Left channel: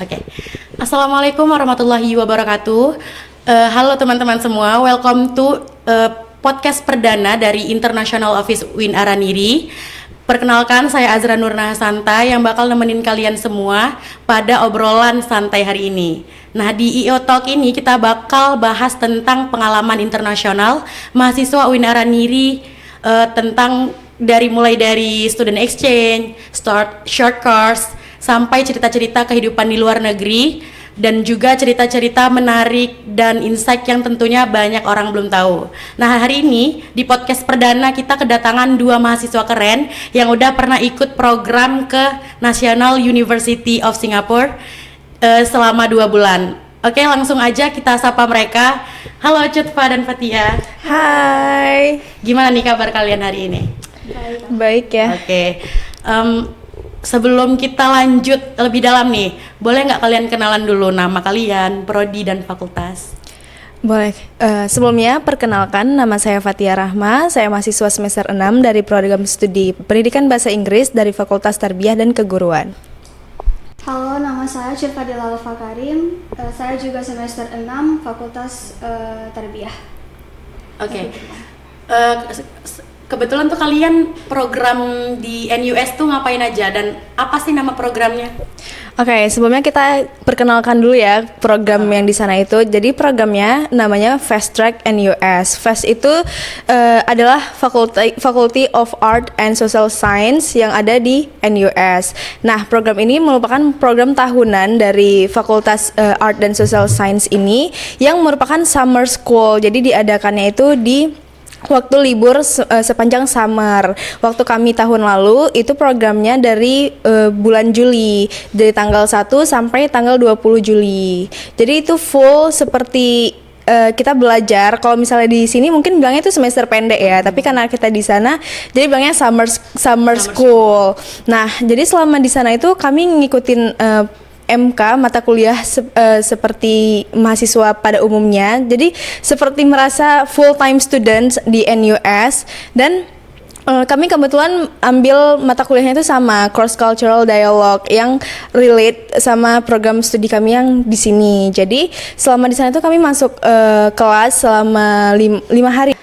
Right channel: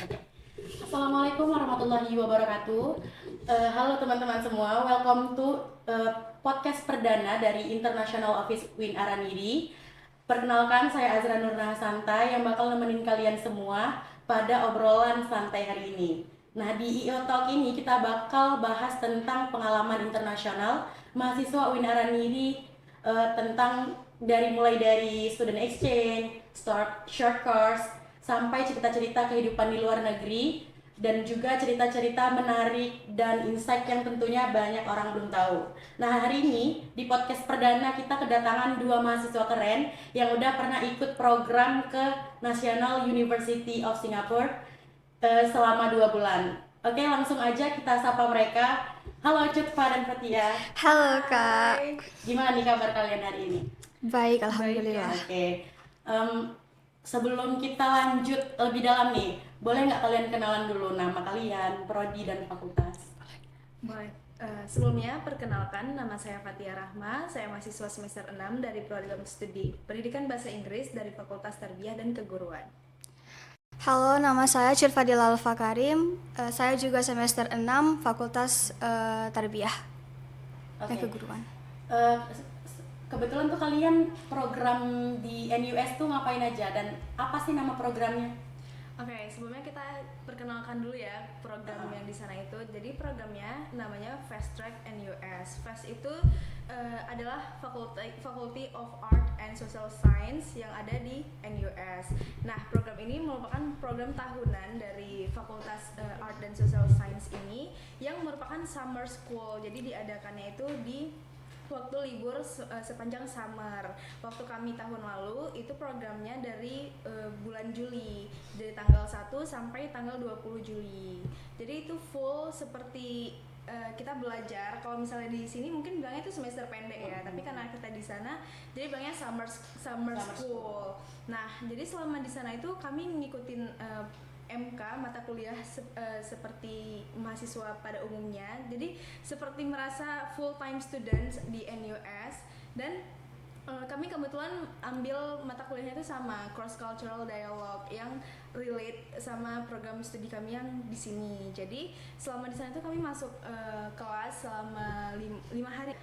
Oke. Assalamualaikum warahmatullahi wabarakatuh. Halo teman-teman semua, welcome to podcast perdana dari International Office Win Araniri. Perkenalkan, saya Azra Nurna Hasanta yang bakal nemenin kalian semua pada obrolan santai hari ini. Nah, di IO Talk ini kita bakal bahas tentang pengalaman internasional mahasiswa Win Araniri, tentang mulai dari student exchange, short course, sampai cerita-cerita kehidupan di luar negeri, dan juga cerita-cerita menarik dan insight yang tentunya banyak orang belum tahu. Nah, hari ini di podcast perdana kita kedatangan dua mahasiswa keren yang udah pernah ikut program ke National University of Singapore selama 2 bulan. Oke, langsung aja kita sapa mereka. Halo Cutfa dan Fatia. Hai. Gimana nih kabar kalian hari ini? Baik ya. Oke. Sebelum kita lanjut lebih dalam nih, boleh nggak kalian kenalan dulu nama kalian, prodi dan fakultas? Boleh. Sebelumnya perkenalkan, nama saya Fatia Rahma. Saya mahasiswa semester 6 dari program studi Pendidikan Bahasa Inggris dari Fakultas Tarbiyah dan Keguruan. Halo, nama saya Cilfadila Alfa Karim. Saya juga semester 6 Fakultas Tarbiyah. Oke. Kebetulan tuh kalian program di NUS tuh ngapain aja dan apa sih nama programnya? Oke, sebelumnya kita perkenalkan dulu ya program yang di sana itu. Jadi programnya namanya Fast Track NUS. Fast itu adalah Faculty of Art and Social Science yang ada di NUS. Nah, program ini merupakan program tahunan dari Fakultas Art dan Social Science ini yang merupakan summer school. Jadi diadakannya itu di waktu libur sepanjang summer. Waktu kami tahun lalu itu programnya dari bulan Juli, dari tanggal 1 sampai tanggal 20 Juli. Jadi itu full seperti kita belajar. Kalau misalnya di sini mungkin bilangnya itu semester pendek ya, tapi karena kita di sana jadi bilangnya summer school. Nah, jadi selama di sana itu kami ngikutin MK mata kuliah seperti mahasiswa pada umumnya. Jadi seperti merasa full time student di NUS, dan kami kebetulan ambil mata kuliahnya itu sama cross cultural dialogue yang relate sama program studi kami yang di sini. Jadi selama di sana itu kami masuk kelas selama 5 hari.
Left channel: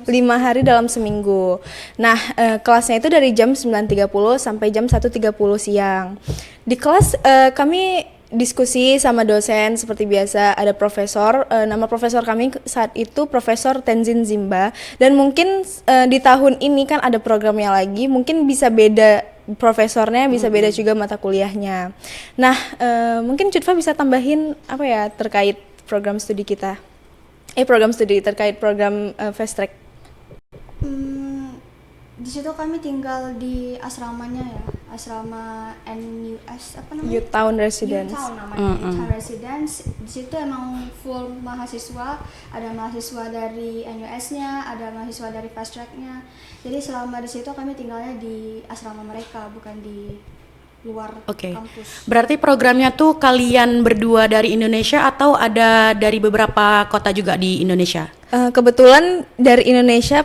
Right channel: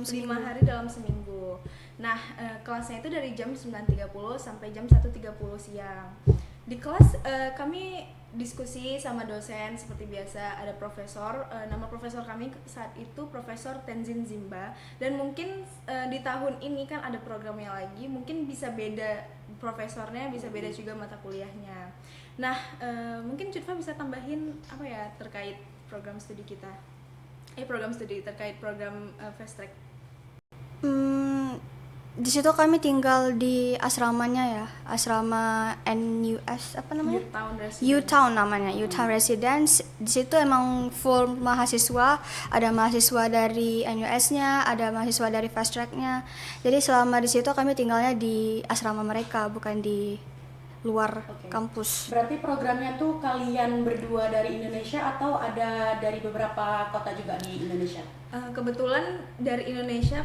5 hari dalam seminggu. Nah, kelasnya itu dari jam 9.30 sampai jam 1.30 siang. Di kelas kami diskusi sama dosen seperti biasa. Ada profesor, nama profesor kami saat itu Profesor Tenzin Zimba. Dan mungkin di tahun ini kan ada programnya lagi, mungkin bisa beda profesornya, bisa beda juga mata kuliahnya. Nah, mungkin Cutfa bisa tambahin apa ya terkait program studi kita? Program studi terkait program Fast Track. Di situ kami tinggal di asramanya ya, asrama NUS apa namanya? U-Town Residence. U-Town namanya, U-Town Residence. Di situ emang full mahasiswa, ada mahasiswa dari NUS-nya, ada mahasiswa dari Fast Track-nya. Jadi selama di situ kami tinggalnya di asrama mereka, bukan di luar kampus. Berarti programnya tuh kalian berdua dari Indonesia atau ada dari beberapa kota juga di Indonesia? Kebetulan dari Indonesia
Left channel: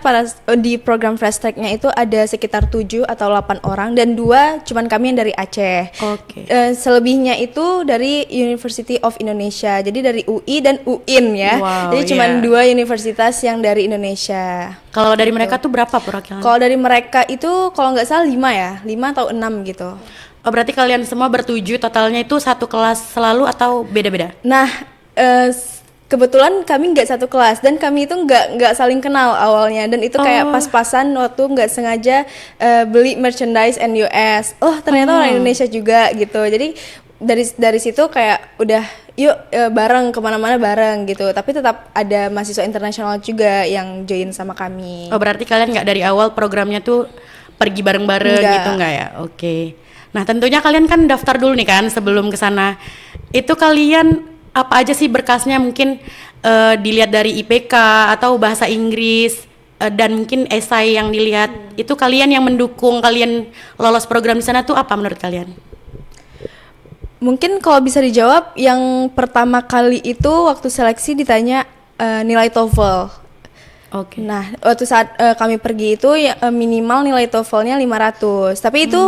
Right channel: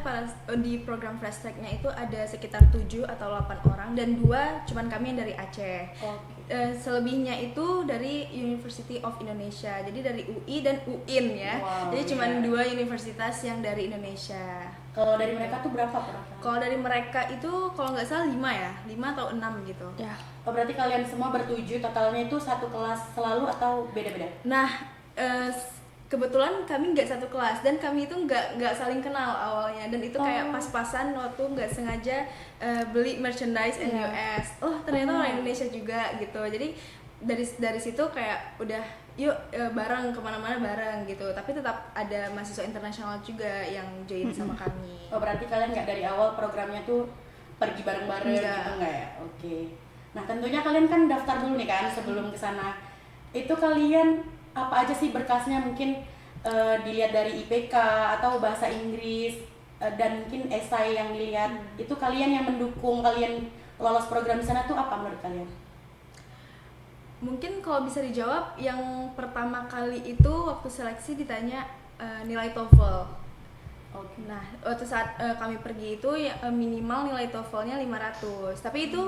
di program Fast Track-nya itu ada sekitar 7 atau 8 orang, dan 2 cuman kami yang dari Aceh. Selebihnya itu dari University of Indonesia. Jadi dari UI dan UIN ya. Wow, jadi cuman 2 universitas yang dari Indonesia. Kalau dari mereka tuh berapa perwakilan? Kalau dari mereka itu kalau nggak salah 5 ya, 5 atau 6 gitu. Oh, berarti kalian semua bertujuh totalnya itu satu kelas selalu atau beda-beda? Nah, kebetulan kami nggak satu kelas dan kami itu nggak saling kenal awalnya, dan itu kayak pas-pasan waktu nggak sengaja beli merchandise NUS. Ternyata orang Indonesia juga gitu. Jadi dari situ kayak udah yuk bareng kemana-mana bareng gitu. Tapi tetap ada mahasiswa internasional juga yang join sama kami. Oh, berarti kalian nggak dari awal programnya tuh pergi bareng-bareng gitu nggak ya? Oke. Nah, tentunya kalian kan daftar dulu nih kan sebelum ke sana. Itu kalian apa aja sih berkasnya, mungkin dilihat dari IPK atau bahasa Inggris, dan mungkin esai yang dilihat. Itu kalian yang mendukung kalian lolos program di sana tuh apa menurut kalian? Mungkin kalau bisa dijawab, yang pertama kali itu waktu seleksi ditanya nilai TOEFL. Oke. Nah, waktu saat kami pergi itu ya, minimal nilai TOEFL-nya 500. Tapi itu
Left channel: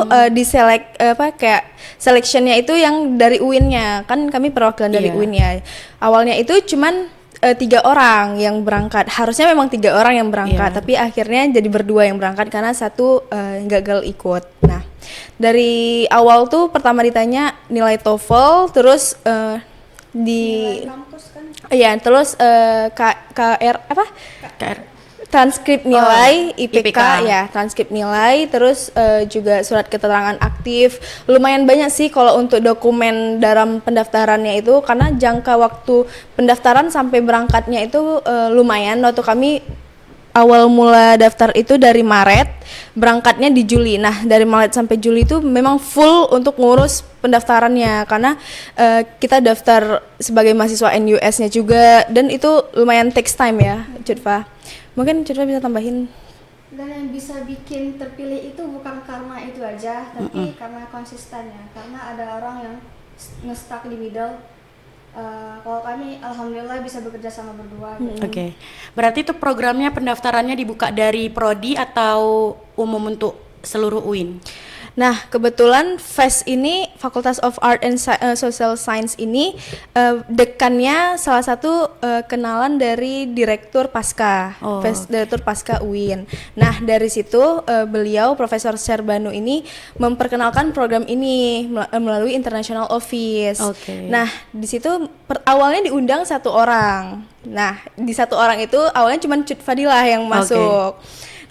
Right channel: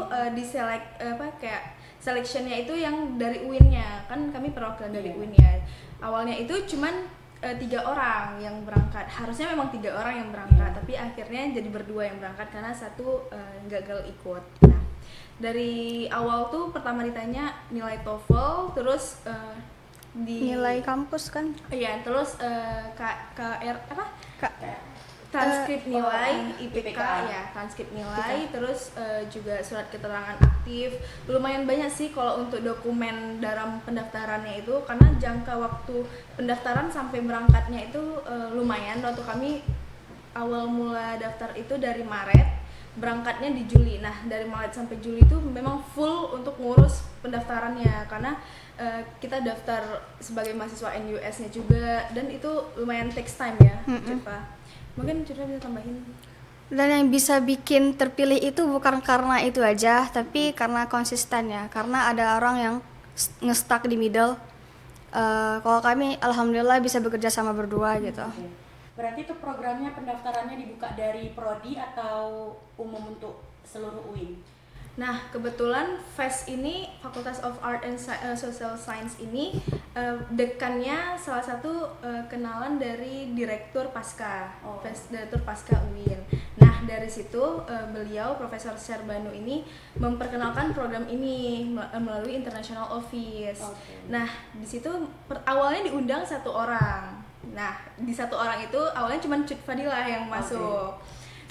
kayak selection-nya itu yang dari UIN-nya. Kan kami perwakilan dari Iya. UIN-nya. Awalnya itu cuman 3 orang yang berangkat. Harusnya memang 3 orang yang berangkat, Iya. tapi akhirnya jadi berdua yang berangkat karena satu gagal ikut. Nah, dari awal tuh pertama ditanya nilai TOEFL, terus Nilai kampus kan iya, terus KR apa? KR. Transkrip nilai, IPK, IPK. ya, transkrip nilai, terus juga surat keterangan aktif. Lumayan banyak sih kalau untuk dokumen dalam pendaftarannya itu, karena jangka waktu pendaftaran sampai berangkatnya itu lumayan. Waktu kami awal mula daftar itu dari Maret, berangkatnya di Juli. Nah, dari Maret sampai Juli itu memang full untuk ngurus pendaftarannya, karena kita daftar sebagai mahasiswa NUS-nya juga, dan itu lumayan takes time ya, Cutfa. Mungkin Cutfa bisa tambahin. dan yang bisa bikin terpilih itu bukan karena itu aja, tapi karena konsisten ya. Karena ada orang yang nge-stuck di middle. Kalau kami alhamdulillah bisa bekerja sama berdua gitu. Oke. Berarti itu programnya pendaftarannya dibuka dari prodi atau umum untuk seluruh UIN? Nah, kebetulan FES ini, Faculty of Art and Social Science ini, dekannya salah satu kenalan dari Direktur Pasca, Oh. Direktur Pasca UIN. Nah, dari situ beliau, Profesor Syarbanu ini memperkenalkan program ini melalui International Office. Oke. Nah, di situ awalnya diundang 1 orang. Nah, di 1 orang itu awalnya cuma Cut Fadilah yang masuk.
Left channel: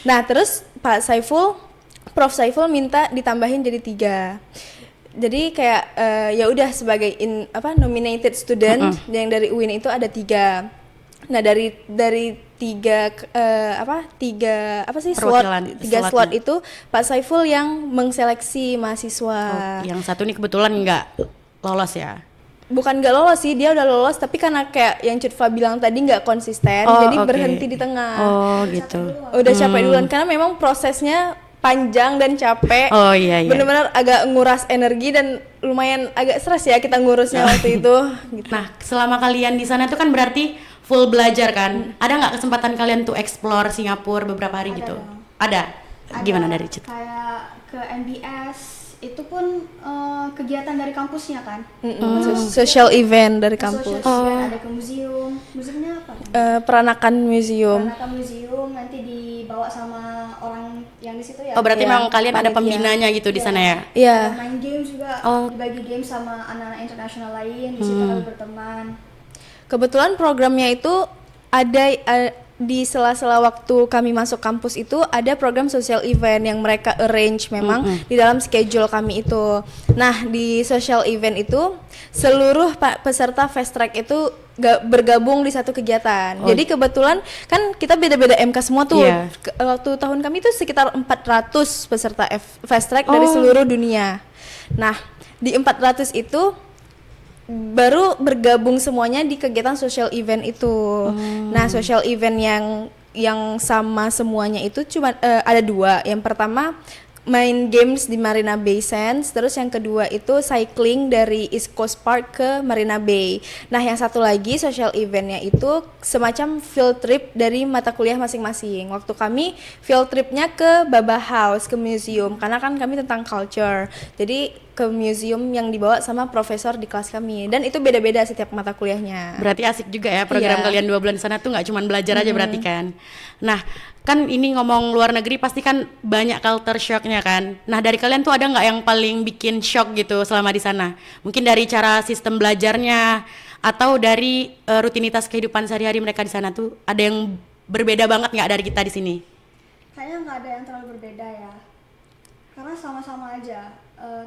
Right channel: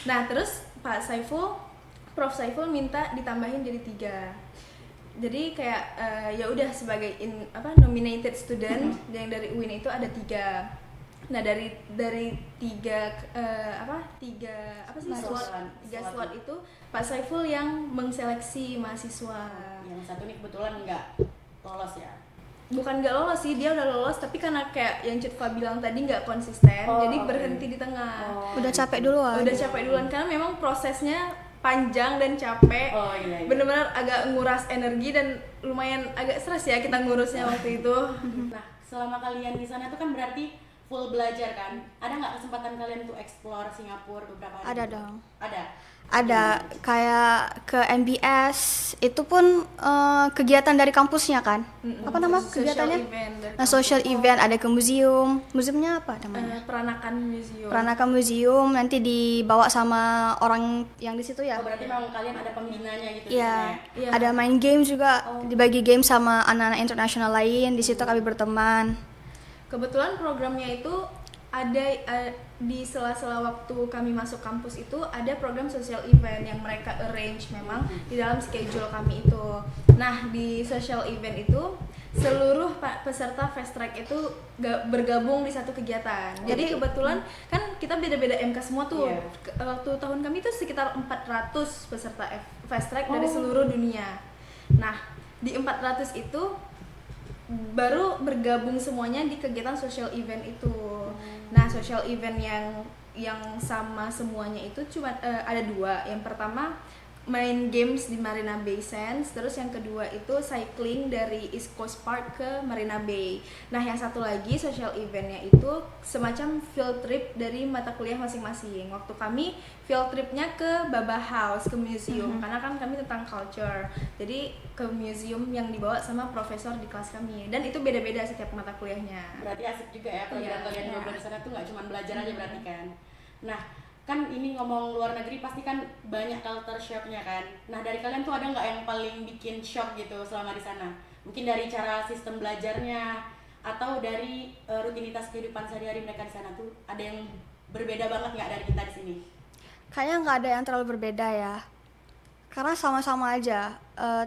Nah, terus Prof Saiful minta ditambahin jadi 3. Jadi kayak ya udah sebagai nominated student yang dari UIN itu ada 3. Nah, dari 3 Perwakilan, 3 slot itu Pak Saiful yang mengseleksi mahasiswa. Yang satu nih kebetulan nggak lolos ya? Bukan gak lolos sih, dia udah lolos, tapi karena kayak yang Cutfa bilang tadi nggak konsisten, Oh, jadi oke. berhenti di tengah. Udah capek duluan. Udah capek duluan, karena memang prosesnya panjang dan capek. Oh iya. Bener-bener agak nguras energi dan lumayan agak stres ya kita ngurusnya waktu itu. Gitu. Nah, selama kalian di sana itu kan berarti full belajar kan? Ada nggak kesempatan kalian tuh explore Singapura beberapa hari Ada gitu? dong. Ada. Gimana dari Cit? Kayak ke MBS itu pun kegiatan dari kampusnya kan. Social event dari kampus. Social event, ada ke museum. Museumnya apa namanya? Peranakan museum. Peranakan museum, nanti dibawa sama orang yang di situ ya. Oh, berarti Iya, memang kalian ada panitia. pembinanya gitu di sana ya? Iya. Ada main game juga, dibagi game sama anak-anak internasional lain. Di situ kami berteman. Kebetulan programnya itu ada di sela-sela waktu kami masuk kampus itu ada program social event yang mereka arrange memang di dalam schedule kami itu. Nah, di social event itu seluruh peserta fast track itu bergabung di satu kegiatan. Jadi kebetulan kan kita beda-beda MK semua tuh. Iya. Waktu tahun kami itu sekitar 400 peserta fast track dari seluruh dunia. Nah, di 400 itu baru bergabung semuanya di kegiatan social event itu. Nah, social event yang sama semuanya itu cuma ada 2. Yang pertama main games di Marina Bay Sands, terus yang kedua itu cycling dari East Coast Park ke Marina Bay. Nah, yang satu lagi social eventnya itu semacam field trip dari mata kuliah masing-masing. Waktu kami field tripnya ke Baba House, ke museum, karena kan kami tentang culture. Jadi ke museum yang dibawa sama profesor di kelas kami, dan itu beda-beda setiap mata kuliahnya. Berarti asik juga ya program Iya. kalian 2 bulan di sana tuh nggak cuma belajar aja berarti kan. Nah, kan ini ngomong luar negeri pasti kan banyak culture shocknya kan. Nah, dari kalian tuh ada nggak yang paling bikin shock gitu selama di sana? Mungkin dari cara sistem belajarnya atau dari rutinitas kehidupan sehari-hari mereka di sana tuh ada yang berbeda banget nggak dari kita di sini? Kayaknya nggak ada yang terlalu berbeda ya, karena sama-sama aja.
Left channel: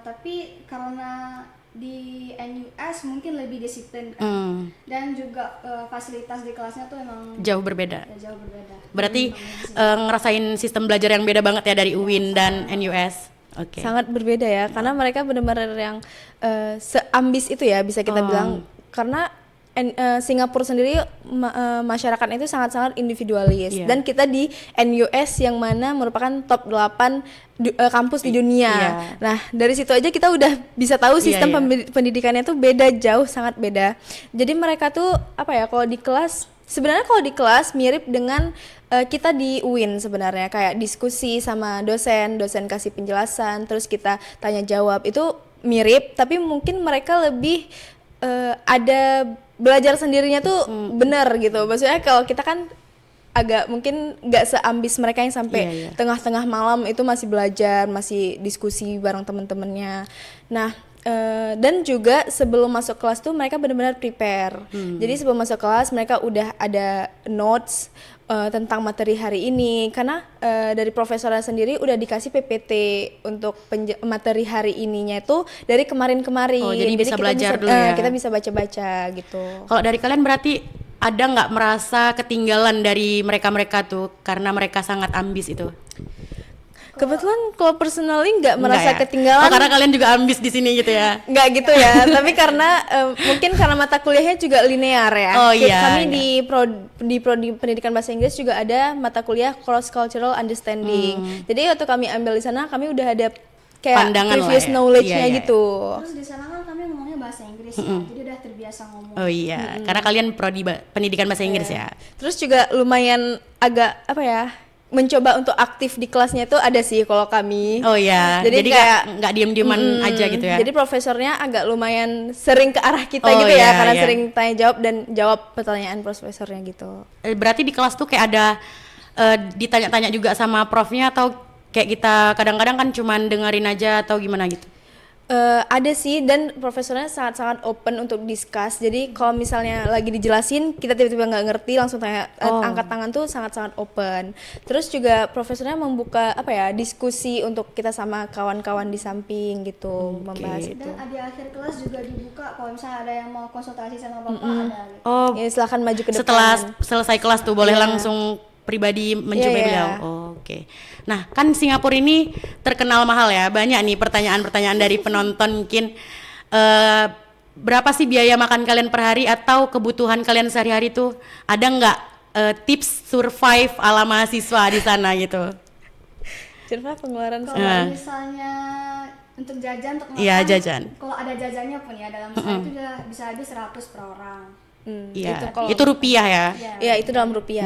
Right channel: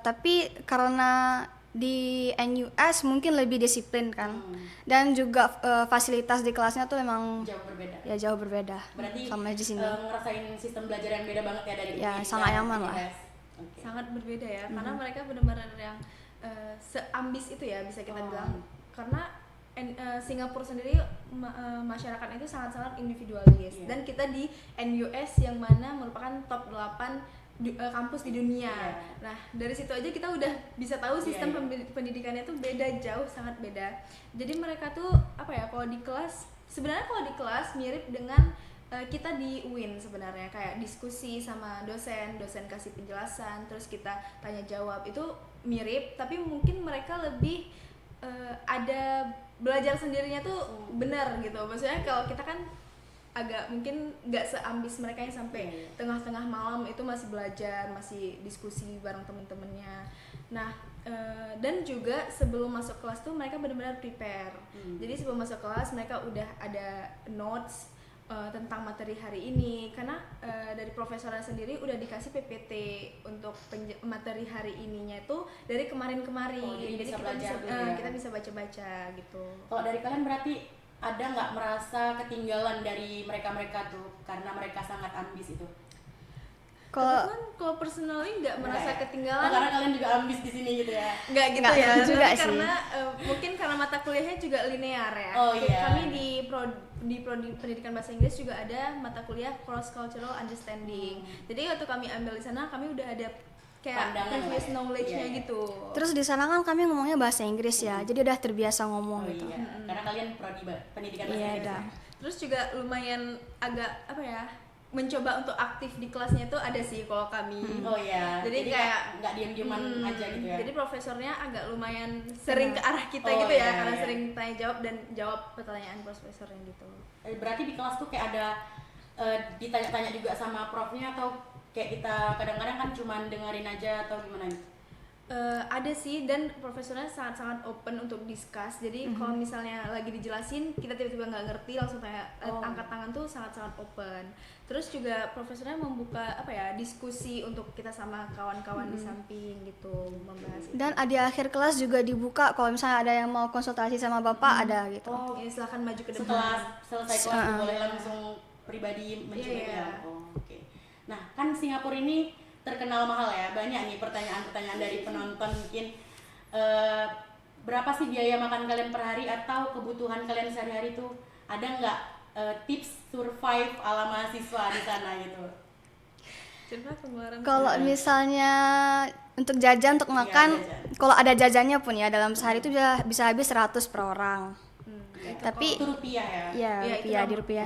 Tapi karena di NUS mungkin lebih disiplin kan, dan juga fasilitas di kelasnya tuh memang Jauh berbeda. ya jauh berbeda. Berarti Sama di sini. ngerasain sistem belajar yang beda banget ya dari UIN sama dan yang malah. NUS. Oke. Sangat berbeda ya, karena mereka benar-benar yang seambis itu ya bisa kita bilang, karena Singapura sendiri masyarakatnya itu sangat-sangat individualis. Iya. Dan kita di NUS yang mana merupakan top 8 kampus di dunia. Iya. Nah, dari situ aja kita udah bisa tahu sistem iya. pendidikannya tuh beda, jauh sangat beda. Jadi mereka tuh apa ya, kalau di kelas sebenarnya kalau di kelas mirip dengan Kita di UIN sebenarnya kayak diskusi sama dosen kasih penjelasan, terus kita tanya jawab itu mirip, tapi mungkin mereka lebih ada belajar sendirinya tuh bener gitu. Maksudnya kalau kita kan agak mungkin nggak seambis mereka yang sampai tengah-tengah malam itu masih belajar, masih diskusi bareng temen-temennya. Nah, dan juga sebelum masuk kelas tuh mereka benar-benar prepare. Jadi sebelum masuk kelas mereka udah ada notes tentang materi hari ini, karena dari profesornya sendiri udah dikasih PPT untuk materi hari ininya itu dari kemarin-kemarin. Oh, jadi bisa kita belajar bisa, dulu ya. kita bisa baca-baca gitu. Kalau dari kalian berarti ada nggak merasa ketinggalan dari mereka-mereka tuh karena mereka sangat ambis itu? Kebetulan kalau personally nggak merasa Nggak ya? ketinggalan. Oh, karena kalian juga ambis di sini gitu ya? Nggak gitu ya, tapi karena mungkin karena mata kuliahnya juga linear ya. Oh iya. Kami di prodi pendidikan bahasa Inggris juga ada mata kuliah cross cultural understanding. Jadi waktu kami ambil di sana kami udah ada kayak Pandangan previous lah ya. knowledge-nya Iya, iya. gitu. Terus di sana kan kami ngomongnya bahasa Inggris ya, jadi udah terbiasa ngomong. Oh iya, karena kalian prodi pendidikan bahasa Inggris ya? Terus juga lumayan agak apa ya? Mencoba untuk aktif di kelasnya tuh ada sih kalau kami. Oh iya, jadi kayak nggak diem-dieman aja gitu ya? Jadi profesornya agak lumayan sering ke arah kita Oh, gitu iya, ya, karena iya. sering tanya jawab dan jawab pertanyaan profesornya gitu. Berarti di kelas tuh kayak ada ditanya-tanya juga sama profnya atau kayak kita kadang-kadang kan cuman dengerin aja atau gimana gitu? Ada sih, dan profesornya sangat-sangat open untuk discuss. Jadi kalau misalnya lagi dijelasin kita tiba-tiba nggak ngerti langsung tanya, angkat tangan tuh sangat-sangat open. Terus juga profesornya membuka apa ya, diskusi untuk kita sama kawan-kawan di samping gitu, membahas itu. Dan di akhir kelas juga dibuka kalau misalnya ada yang mau konsultasi sama bapak ada gitu. Oh, Ya, silakan maju ke depan. setelah selesai kelas tuh boleh langsung pribadi menjumpai Iya, iya. beliau. Oh, oke. Nah, kan Singapura ini terkenal mahal ya. Banyak nih pertanyaan-pertanyaan dari penonton mungkin. Berapa sih biaya makan kalian per hari atau kebutuhan kalian sehari-hari tuh? Ada nggak tips survive ala mahasiswa di sana gitu? Cerita pengeluaran Kalau misalnya untuk jajan untuk makan, Iya, jajan. kalau ada jajannya pun ya dalam sehari itu udah bisa habis 100 per orang. Iya, Tapi- itu rupiah ya. Ya itu dalam rupiah.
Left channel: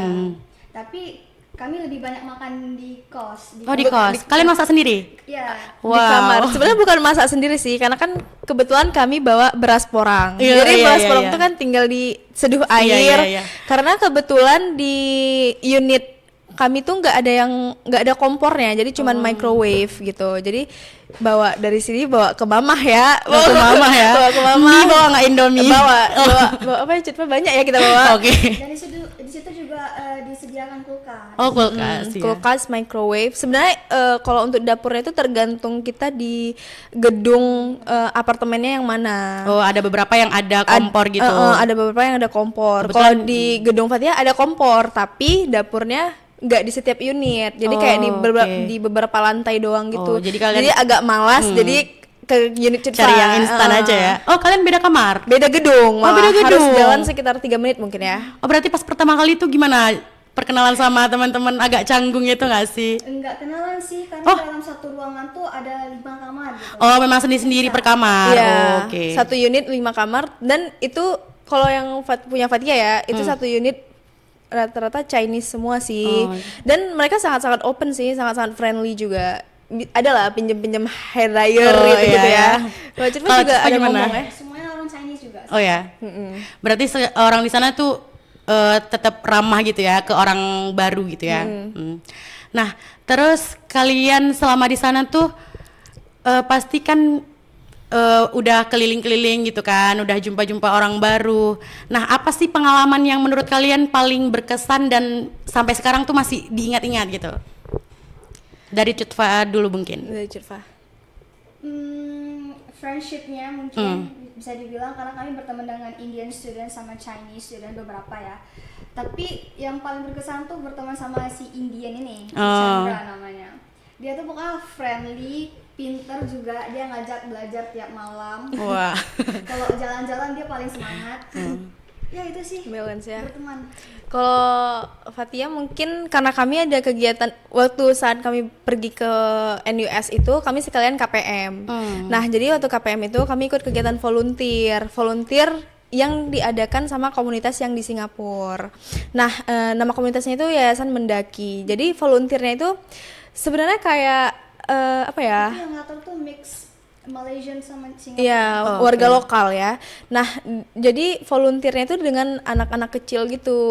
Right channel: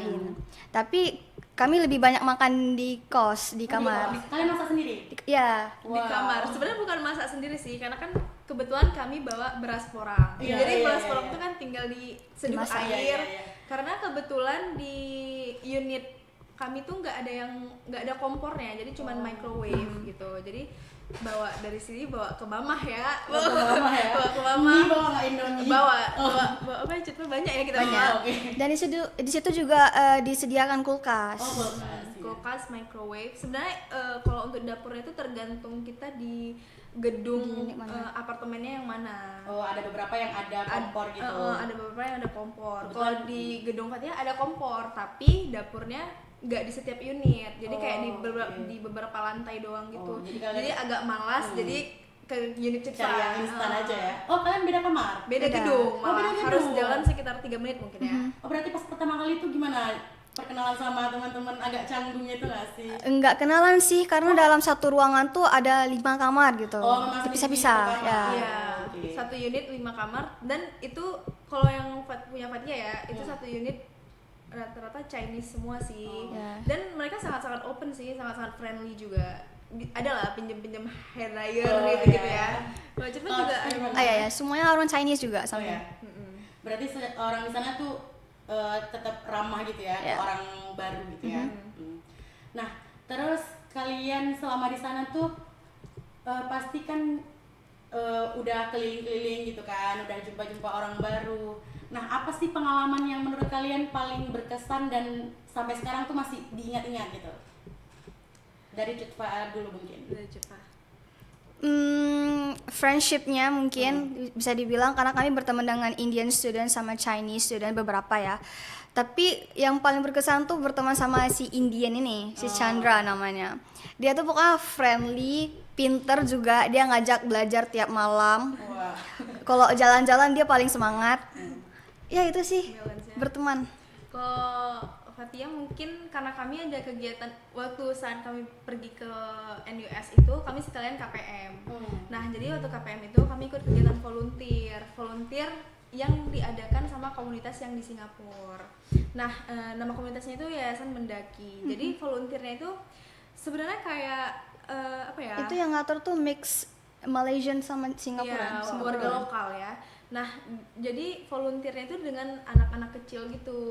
Tapi kami lebih banyak makan di kos. Oh, di kos. Kalian masak sendiri? Iya. Di kamar. Sebenarnya bukan masak sendiri sih, karena kan kebetulan kami bawa beras porang. Iya, Jadi iya, beras iya, porang iya. itu kan tinggal diseduh Iya, air. iya, iya. Karena kebetulan di unit kami tuh nggak ada kompornya, jadi cuman microwave gitu. Jadi bawa dari sini bawa ke mamah ya. Bawa ke mama ya. Bawa ke mamah. Mie bawa nggak Indomie? Bawa apa ya, cerita banyak ya kita bawa. Oke. Dan di situ juga disediakan kulkas. Oh, kulkas. Iya. Kulkas, microwave. Sebenarnya kalau untuk dapurnya itu tergantung kita di gedung apartemennya yang mana. Oh, ada beberapa yang ada kompor gitu. Ada beberapa yang ada kompor. Kebetulan- Kalau di gedung Fathia ada kompor, tapi dapurnya nggak di setiap unit. Jadi kayak oke. di beberapa lantai doang gitu. Oh, jadi kalian- agak malas. Jadi ke unit Citva. Cari yang instan aja ya. Oh, kalian beda kamar? Beda gedung. Oh, beda malah. Harus gedung. jalan sekitar 3 menit mungkin ya. Oh, berarti pas pertama kali itu gimana? Perkenalan sama teman-teman agak canggung itu nggak sih? Enggak kenalan sih, karena dalam satu ruangan tuh ada 5 kamar gitu. Oh, memang sendiri-sendiri per kamar. Iya, Oh, oke. satu unit 5 kamar, dan itu kalau yang punya Fathia ya, itu satu unit rata-rata Chinese semua sih. Dan mereka sangat-sangat open sih, sangat-sangat friendly juga. Ada lah pinjem-pinjem hair dryer Oh, gitu, iya, ya. iya. Kalau Citva Kalau juga Citva ada gimana? momennya. Semuanya orang Chinese juga. Oh ya. Berarti orang di sana tuh tetap ramah gitu ya ke orang baru gitu ya. Nah, terus kalian selama di sana tuh pasti kan udah keliling-keliling gitu kan, udah jumpa-jumpa orang baru. Nah, apa sih pengalaman yang menurut kalian paling berkesan dan sampai sekarang tuh masih diingat-ingat gitu? Dari Cutfa dulu mungkin. Dari Citva. Friendshipnya mungkin bisa dibilang karena kami berteman dengan Indian student sama Chinese student beberapa ya. Tapi yang paling berkesan tuh berteman sama si Indian ini, si Chandra namanya. Dia tuh pokoknya friendly, pinter juga, dia ngajak belajar tiap malam. Wah. Kalau jalan-jalan dia paling semangat. Ya itu sih Balance ya. berteman. Kalau Fathia mungkin karena kami ada kegiatan waktu saat kami pergi ke NUS itu kami sekalian KPM. Nah, jadi waktu KPM itu kami ikut kegiatan volunteer. Volunteer yang diadakan sama komunitas yang di Singapura. Nah, nama komunitasnya itu Yayasan Mendaki. Jadi volunteernya itu sebenarnya kayak apa ya? Itu yang ngatur tuh mix Malaysian sama Singapura. Iya, warga lokal ya. Nah, jadi volunteernya itu dengan anak-anak kecil gitu.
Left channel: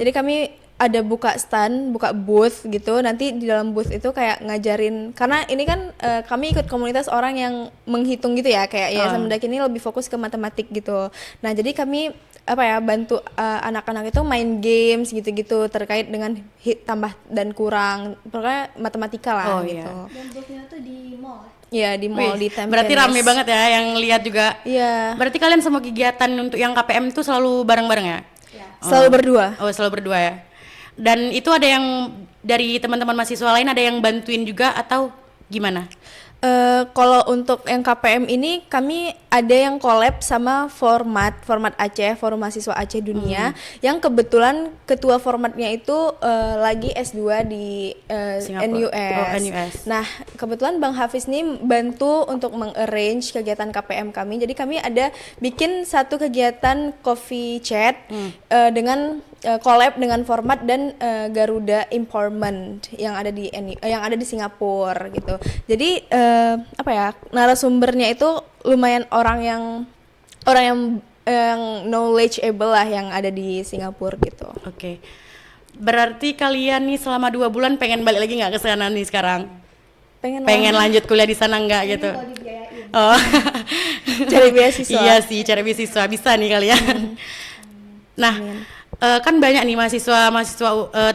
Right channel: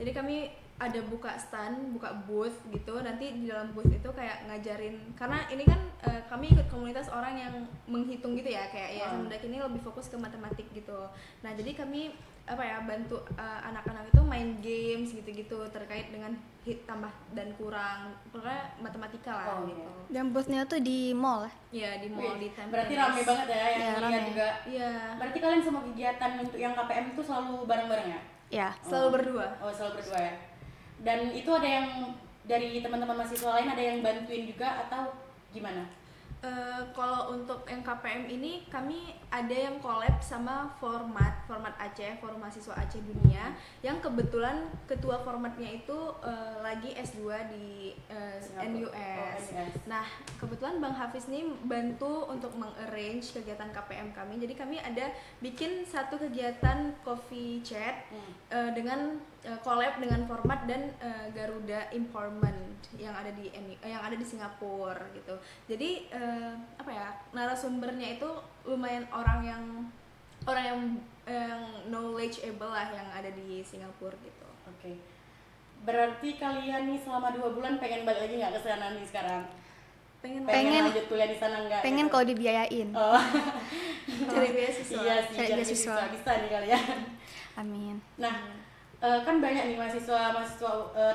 Jadi kami ada buka stand, buka booth gitu. Nanti di dalam booth itu kayak ngajarin, karena ini kan kami ikut komunitas orang yang menghitung gitu ya, kayak Yayasan Mendaki ini lebih fokus ke matematik gitu. Nah, jadi kami apa ya, bantu anak-anak itu main games gitu-gitu terkait dengan tambah dan kurang, pokoknya matematika lah gitu. Dan boothnya tuh di mall. Iya, di mall. Di Tampines. Berarti rame banget ya yang lihat juga. Iya. Berarti kalian semua kegiatan untuk yang KPM itu selalu bareng-bareng ya? Ya. Selalu berdua. Oh, selalu berdua ya. Dan itu ada yang dari teman-teman mahasiswa lain ada yang bantuin juga atau gimana? Kalau untuk yang KPM ini kami ada yang collab sama format Aceh, Forum Mahasiswa Aceh Dunia, yang kebetulan ketua formatnya itu lagi S2 di NUS. NUS. Nah, kebetulan Bang Hafiz ini bantu untuk mengarrange kegiatan KPM kami. Jadi kami ada bikin satu kegiatan coffee chat dengan collab dengan format dan Garuda Empowerment yang ada di Singapura gitu. Jadi apa ya, narasumbernya itu lumayan orang yang knowledgeable lah yang ada di Singapura gitu. Oke. Berarti kalian nih selama 2 bulan pengen balik lagi nggak ke sana nih sekarang? Pengen lanjut kuliah di sana nggak Pengen gitu? kalau dibiayain. Oh. Cari beasiswa. Iya sih, cari beasiswa bisa nih kalian. Amin. Nah, kan banyak nih mahasiswa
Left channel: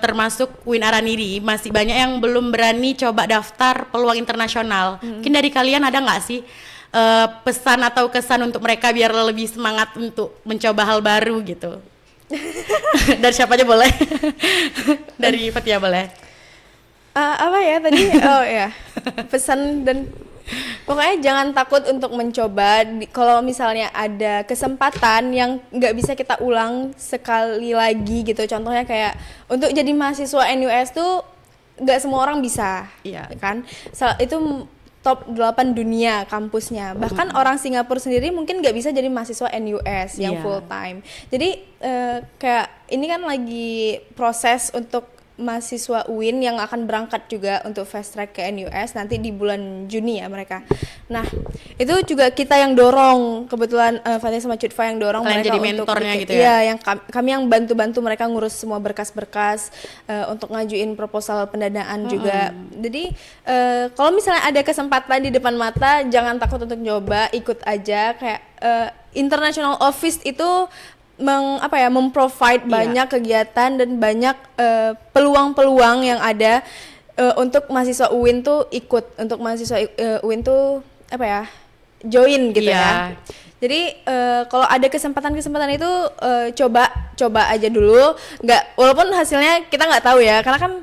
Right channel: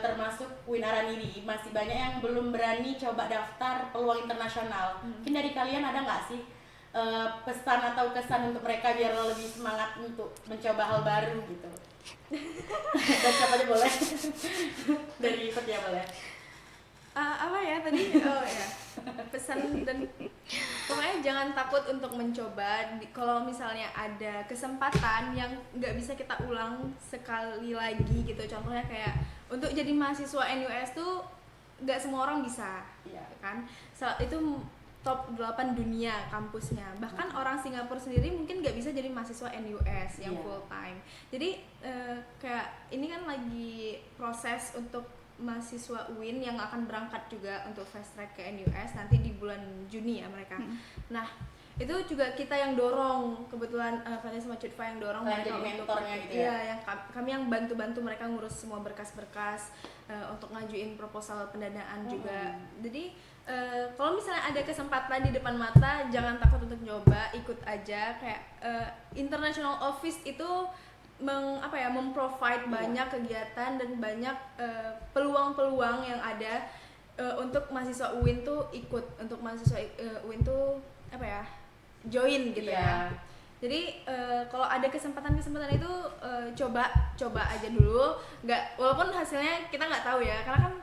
termasuk UIN Araniri masih banyak yang belum berani coba daftar peluang internasional. Mungkin dari kalian ada nggak sih pesan atau kesan untuk mereka biar lebih semangat untuk mencoba hal baru gitu? Dari siapa aja boleh? Dari Fatia boleh. Apa ya tadi? Oh ya, pesan dan pokoknya jangan takut untuk mencoba. Kalau misalnya ada kesempatan yang nggak bisa kita ulang sekali lagi gitu, contohnya kayak untuk jadi mahasiswa NUS tuh nggak semua orang bisa, kan? Itu top 8 dunia kampusnya. Bahkan orang Singapura sendiri mungkin nggak bisa jadi mahasiswa NUS yang full time. Jadi kayak ini kan lagi proses untuk mahasiswa UIN yang akan berangkat juga untuk fast track ke NUS nanti di bulan Juni ya mereka. Nah, itu juga kita yang dorong, kebetulan Fatia sama Cutfa yang dorong kalian mereka jadi untuk mentornya gitu ya? Iya, yang kami yang bantu-bantu mereka ngurus semua berkas-berkas untuk ngajuin proposal pendanaan juga. Jadi kalau misalnya ada kesempatan di depan mata, jangan takut untuk nyoba, ikut aja. Kayak international office itu memprovide banyak kegiatan dan banyak peluang-peluang yang ada untuk mahasiswa UIN tuh ikut, untuk mahasiswa UIN tuh join gitu ya. Jadi kalau ada kesempatan itu coba aja dulu, walaupun hasilnya kita nggak tahu ya, karena kan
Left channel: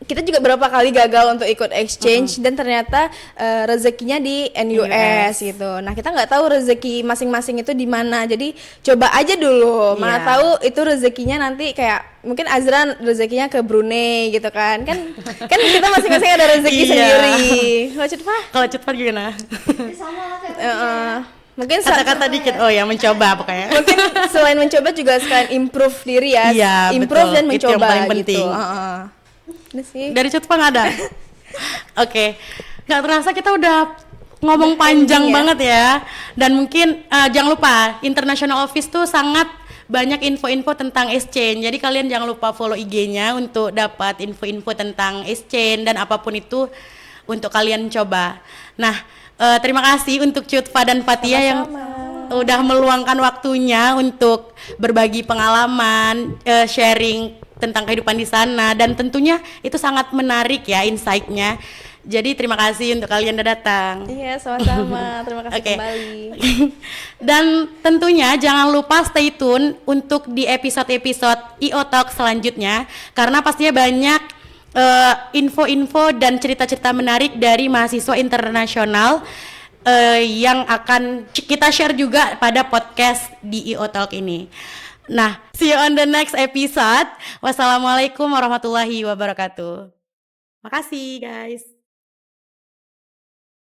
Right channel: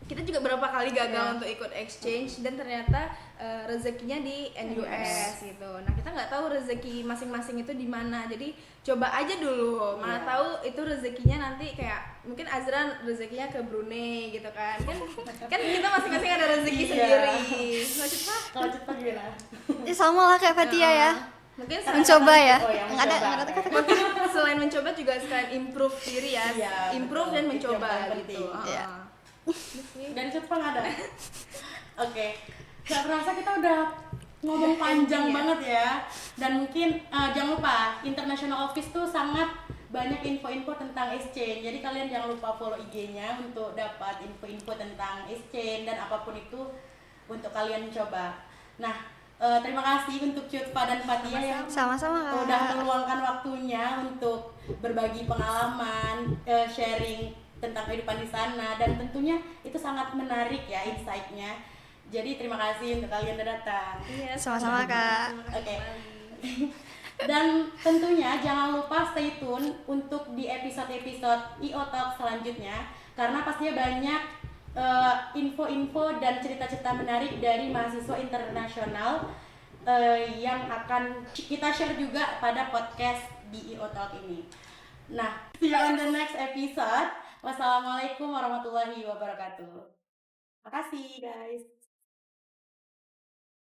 kita juga berapa kali gagal untuk ikut exchange dan ternyata rezekinya di NUS gitu. Nah, kita nggak tahu rezeki masing-masing itu di mana. Jadi coba aja dulu. Mana tahu itu rezekinya nanti kayak mungkin Azra rezekinya ke Brunei gitu kan. Kan kita masing-masing ada rezeki sendiri. Kalau Cutfa gimana? Sama lah kayak tadi ya. Mungkin kata-kata dikit mencoba pokoknya. Mungkin selain mencoba juga sekalian improve diri ya. Iya, improve betul. dan mencoba itu yang paling gitu. penting. Dari Cutfa nggak ada? Oke. Nggak terasa kita udah ngomong panjang banget ya. Dan mungkin jangan lupa International Office tuh sangat banyak info-info tentang exchange. Jadi kalian jangan lupa follow IG-nya untuk dapat info-info tentang exchange dan apapun itu untuk kalian coba. Nah, terima kasih untuk Cutfa dan Fatia yang udah meluangkan waktunya untuk berbagi pengalaman, sharing tentang kehidupan di sana, dan tentunya itu sangat menarik ya insight-nya. Jadi terima kasih untuk kalian udah datang. Iya, sama-sama Kak. Terima kasih kembali. Dan tentunya jangan lupa stay tune untuk di episode-episode IO Talk selanjutnya, karena pastinya banyak info-info dan cerita-cerita menarik dari mahasiswa internasional yang akan kita share juga pada podcast di IO Talk ini. Nah, see you on the next episode. Wassalamualaikum warahmatullahi wabarakatuh. Makasih guys.